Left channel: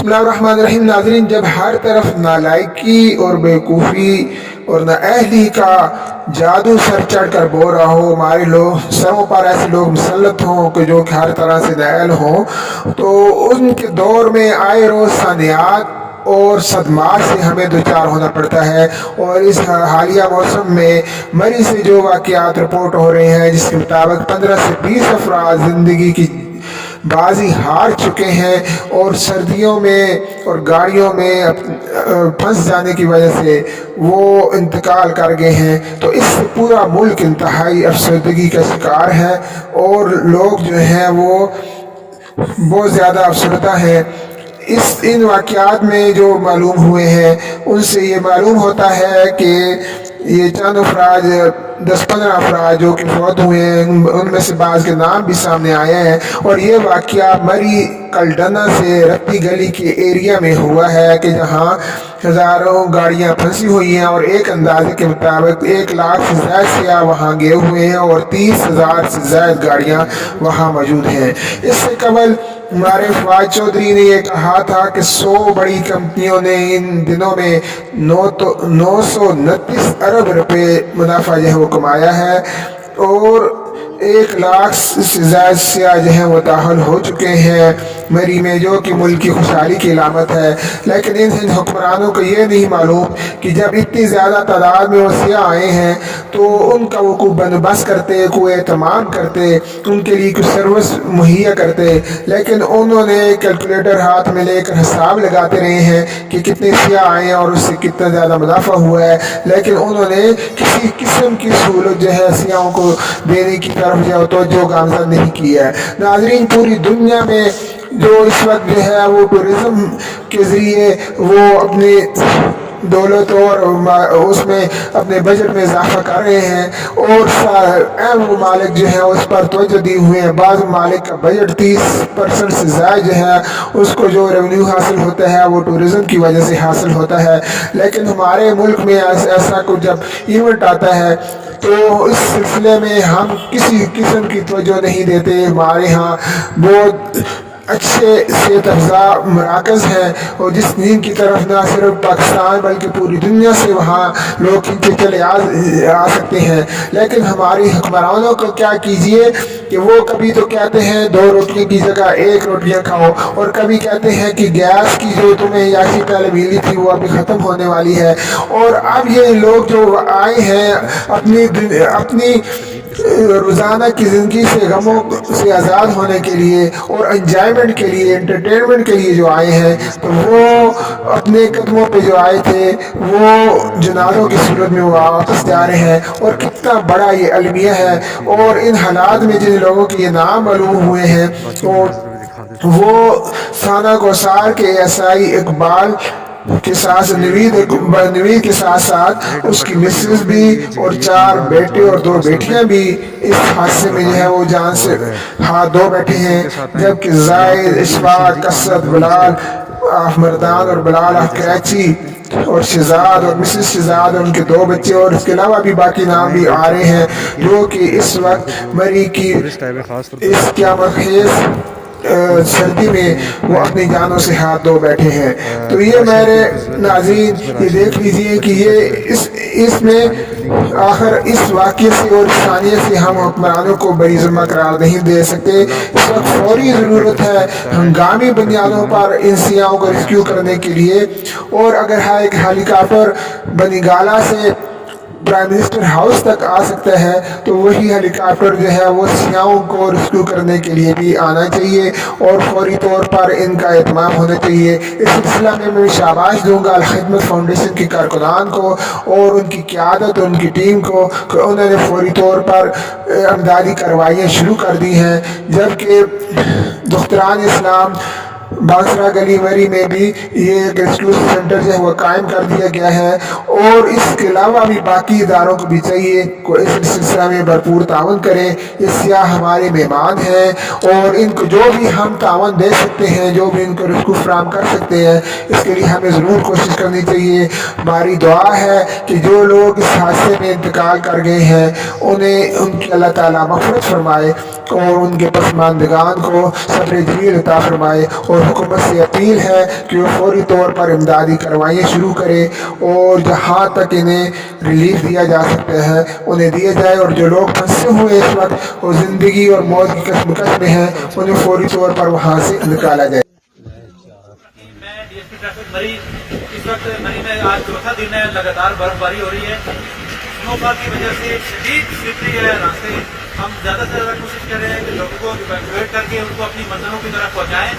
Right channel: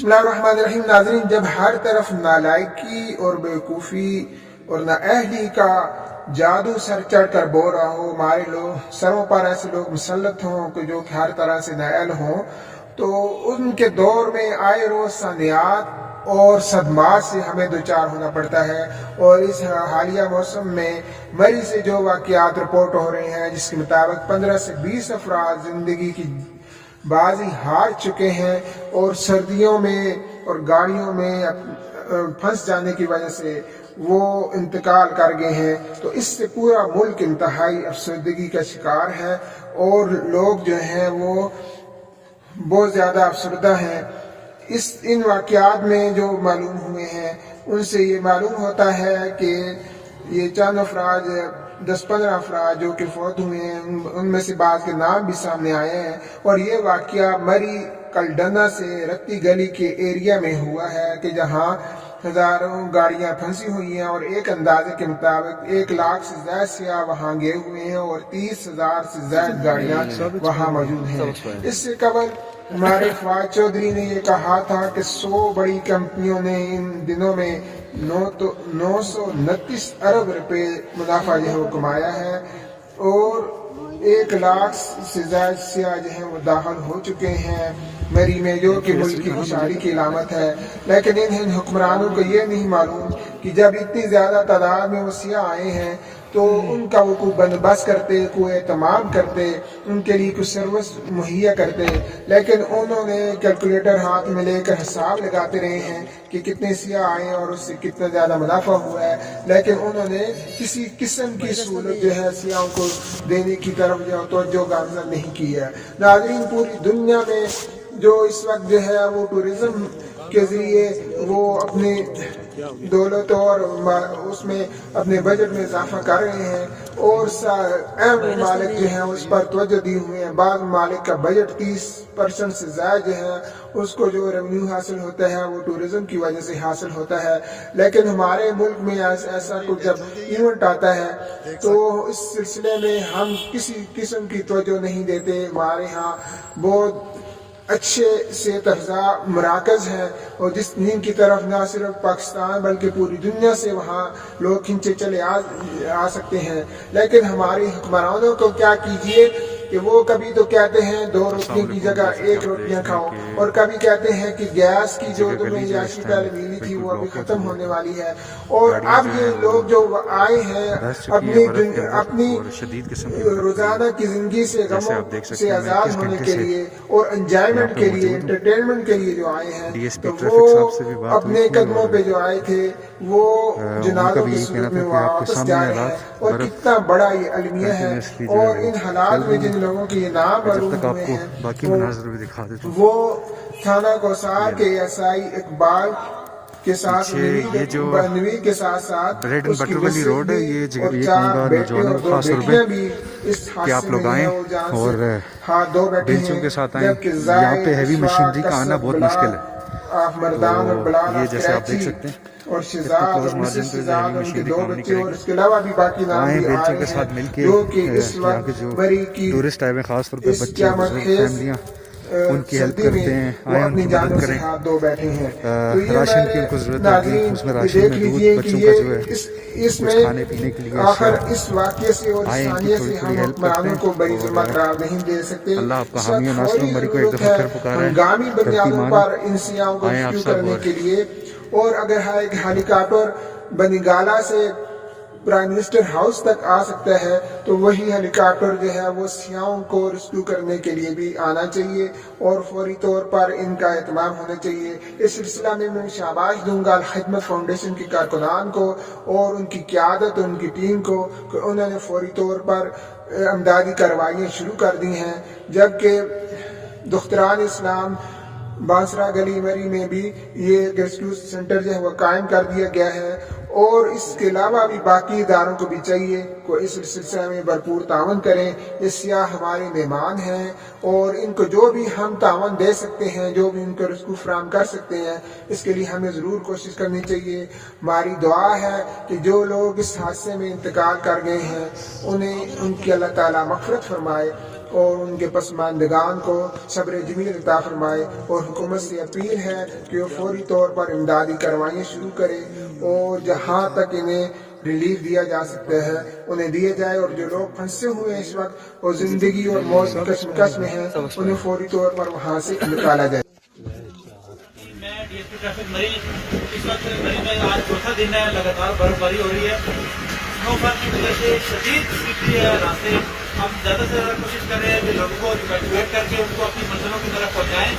बिस्मिल्लाहिर्रहमानिर्रहीम। नाज़रीन, जब हर तरफ नालायकी और बेवकूफ़ी और नाअहली का जादू सर चढ़ कर बोल रहा हो, हमारे लोग सरों पर ऐसे लोग मुसल्लत हों कि जो कि हर तरह से नाअहल हों, तो उनके दौर में आए रोज़ सानियात और सदमात से हमें दो चार होना पड़ता है। और इस हालिया मौसम में मरी से जो वाक़यात रिपोर्ट हो रहे हैं, जिसके मुताबिक 15 से 20 अफराद ज़िंदगी की बाजी हार चुके हैं और सर्दियों में और गाड़ियों में फंस जाने की वजह से वो इंतकाल कर गए हैं। तो इससे पूरा मुल्क इंतहाई अफसरदगी का शिकार है और लोग जो हैं वो बहुत ज़्यादा अफसरदा हैं। इन वाक़यात में जो मालूम हुए हैं उनसे ये मालूम होता है कि ये चंद अफराद 10-15 अफराद जो कि फौत हुए हैं, उनमें से बाज़ के नाम भी सामने आए हैं। और ये वाक़या मरी कलडना से रत्ती गली के एरिया में हुआ है कि जहाँ हज़ारों गाड़ियाँ फंसी हुई हैं और एक अंदाजे के मुताबिक 1 लाख से ज़्यादा सियाह वहाँ गए हुए हैं और 30,000 से ज़्यादा गाड़ियाँ वहाँ मौजूद हैं। इससे कबल हमारे फवाद चौधरी ने यह कहा था कि 100 बड़ी कंपनियों ने इन दिनों में 929 अरब रुपए मुनाफा जो है वो कमाया है और 1 लाख से ज़्यादा सियाह जो हैं वो दाखिल हो चुके हैं मरी में, जो कि मुल्क की खुशहाली की अलामत है। लेकिन इन हुक्मरानों को ये नहीं मालूम कि जब इतनी ज़्यादा तादाद में वो सियाह आए हैं तो उनका वो कोई बंदोबस्त करते, कोई एहतमाम करते, उनके लिए कुछ सर्विस मुहैया करते। लेकिन उन्होंने कैलकुलेटर हाथ में लेकर हिसाब लगाते रहे हैं कि कितने सियाह आए हैं और उससे कितना ज़्यादा मुनाफा हुआ है, लेकिन उन्होंने किसी किस्म की सहूलत जो है सियाहों को देने की तरफ जो तवज्जो गामज़न नहीं की है। नाज़रीन, पूरी दुनिया में जो इस वक्त जो है वो टूरिज़्म के ज़रिए वो अपनी दौलत और उसमें अपने बजट में इजाफा कर रहे हैं और अहम ममालिक जो है उस पर तवज्जो दिए हुए हैं। बाज़ ममालिक का बजट 30% से ज़्यादा जो है उसको जो रेवेन्यू हासिल होता है वो टूरिज़्म की वजह से हासिल होता है। लेकिन हमारे मुल्क में ऐसा कुछ जब इवेंट आता है तो इस सिलसिले में हम किसी किस्म की तवज्जो नहीं देते। हमारे यहाँ बहुत अच्छे सेहत अफ़ज़ा मराकज़ हैं और जिस नींद की तरफ ना सिर्फ पाकिस्तान बल्कि पूरी दुनिया से वहाँ लोग खींचे चले आ सकते हैं। लेकिन हमारी हुक्मरानों को क्या कीजिए कि वो कभी तो कहते हैं 2 रोटियों की जगह 1 रोटियाँ खाओ और कभी कहते हैं कि गैस की जो तुम्हें यासी पहले मिली थी वो अभी ख़त्म होने वाली है। और अब ये लोग जो आए हैं अपनी रोज़ाना की ज़िंदगी से गमों से आज़ाद होने के लिए और एंजॉयमेंट के लिए, एंटरटेनमेंट के लिए जो आए हैं, तो वो अपने कदमों पे जो आए थे वो जनाज़ों की सूरत में वापस जा रहे हैं। और कितना बड़ा ये अलमिया है। और इन हालात में जिन लोगों के ये नाम मालूम हुए हैं वो साना गौसार के एसआई इकबाल के साथ नवीद के साथ साथ उसकी मिसेस भी और 4 बेटे और 2 बेटियां भी इस हादसे में जो है वो जान से 2 बेटे हैं, जबकि जाहिद, इशफाक, कसरत, बिलाल मर्दान और बिलाल कराची और शहजाद और मिसेस शहजाद और उनके 2 बच्चे और इसके अलावा भी बाकी नाम भी आ रहे हैं जो कि इस वक्त मरी की इस क़यामत सर्दी में वो अपनी जानों से हाथ धो बैठे हैं। तो ये मेरे नाज़रीन ये देख लीजिए कि ये इसमें आखिर इस वाक़े से और सानिया से हम हुक्मरानों को बड़ी ज़िम्मा करार नहीं दे सकते। इस वक्त फौरी ज़रूरत है हंगामी बुनियादों पर इन सियाहों को रेस्क्यू करने के लिए। और अगर एक हेलीकॉप्टर बनीगाला से प्राइम मिनिस्टर हाउस तक आ सकता है तो वही हेलीकॉप्टर जो है वो सियाहों को रेस्क्यू करने के लिए भी आना चाहिए और फौरी तौर पर इनका एहतमाम होना चाहिए। इस सिलसिला में मैं शाबाश दूंगा अल खिदमत फाउंडेशन के कारकुनान को और उनकी क़यादत और उनकी टीम को कि उन्होंने फौरी तौर पर इमदादी कार्रवाइयाँ शुरू कर दी हैं। जबकि दुख्तरान इस्लाम बांसरा गली मरी में भी ये एक रेस्क्यू सेंटर जो है वो कायम कर दिया गया है। और इसके अलावा भी बाकी इदारों को भी चाहिए को इस सिलसिला में भरपूर ताउन करें। ये सियाह हमारे मेहमान हैं और इनको जो भी हम ताउन दे सकते हैं, जो भी इनको रेस्क्यू फराहम कर सकते हैं, इसके लिए हमें ज़रूर कोशिश करनी चाहिए। हमारी दुआ है कि जो लोग इस हादसे में इंतकाल कर गए हैं उन्हें उनकी अल्लाह ताला मग़फ़िरत फरमाए और उनके पसमानदगान को सब्र जमील अता फरमाए और हुकूमत से अपील है कि वो फौरी तौर पर इमदादी कार्रवाइयाँ शुरू करे और जहाँ तक इन्हें रिलीफ दिया जा सकता है उन्हें दिया जाए, और जो लोग फंसे हुए इस वक्त और ज़िंदगी और मौत की कशमकश में हैं उन्हें फौरी तौर पर वहाँ से निकाला जाए। मैं डीएसपी ट्रैफिक मरी। इस वक्त मरी में आज चौथा दिन है, लगातार बर्फबारी हो रही है। स्नोफॉल की वजह से शदीद स्लिपरी है रास्ते। हम ज़्यादा से ज़्यादा कोशिश कर रहे हैं कि लोगों को इवैक्यूएट करके उनको अपनी मंजिलों की तरफ पहुँचाएँ।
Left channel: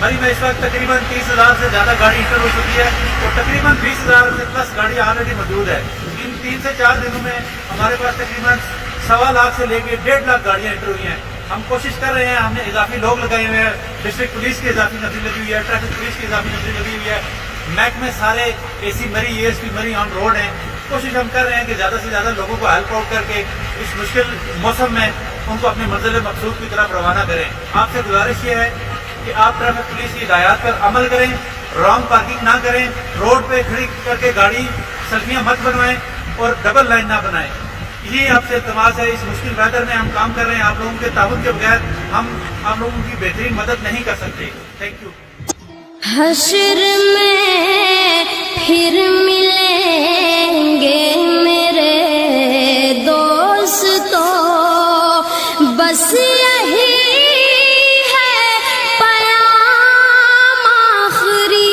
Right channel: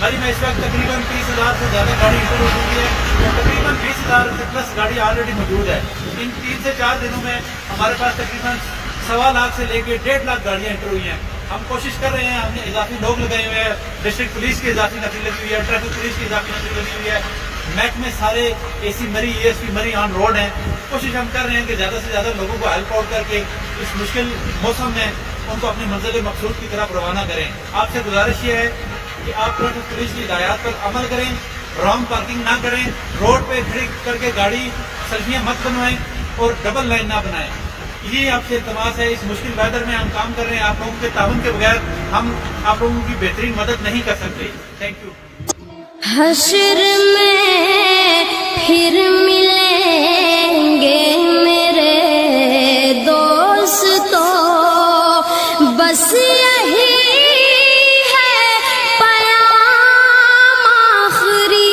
मरी में इस वक्त तकरीबन 30,000 से ज़्यादा गाड़ी इंटर हो चुकी है और तकरीबन 20,000 से प्लस गाड़ी ऑलरेडी मौजूद है। इन 3 से 4 दिनों में हमारे पास तकरीबन 1.25 लाख से लेकर 1.5 लाख गाड़ियाँ इंटर हुई हैं। हम कोशिश कर रहे हैं, हमने इजाफी लोग लगाए हुए हैं, डिस्ट्रिक्ट पुलिस की इजाफी नफरी लगी हुई है, ट्रैफिक पुलिस की इजाफी नफरी लगी हुई है, महकमे सारे एसी मरी एएसपी मरी ऑन रोड हैं। कोशिश हम कर रहे हैं कि ज़्यादा से ज़्यादा लोगों को हेल्प आउट करके इस मुश्किल मौसम में उनको अपनी मंजिल मकसूद की तरफ रवाना करें। आपसे गुजारिश ये है कि आप ट्रैफिक पुलिस की हिदायत पर अमल करें, रॉन्ग पार्किंग ना करें, रोड पे खड़ी करके गाड़ी सेल्फियाँ मत बनवाएं और डबल लाइन ना बनाएं। ये आपसे इल्तमास है। इस मुश्किल वेदर में हम काम कर रहे हैं, आप लोगों के ताउन के बगैर हम आप लोगों की बेहतरीन मदद नहीं कर सकते। Thank you. हश्र में फिर मिलेंगे मेरे दोस्तों, बस यही है पयाम आखिरी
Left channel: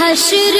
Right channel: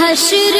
हश्र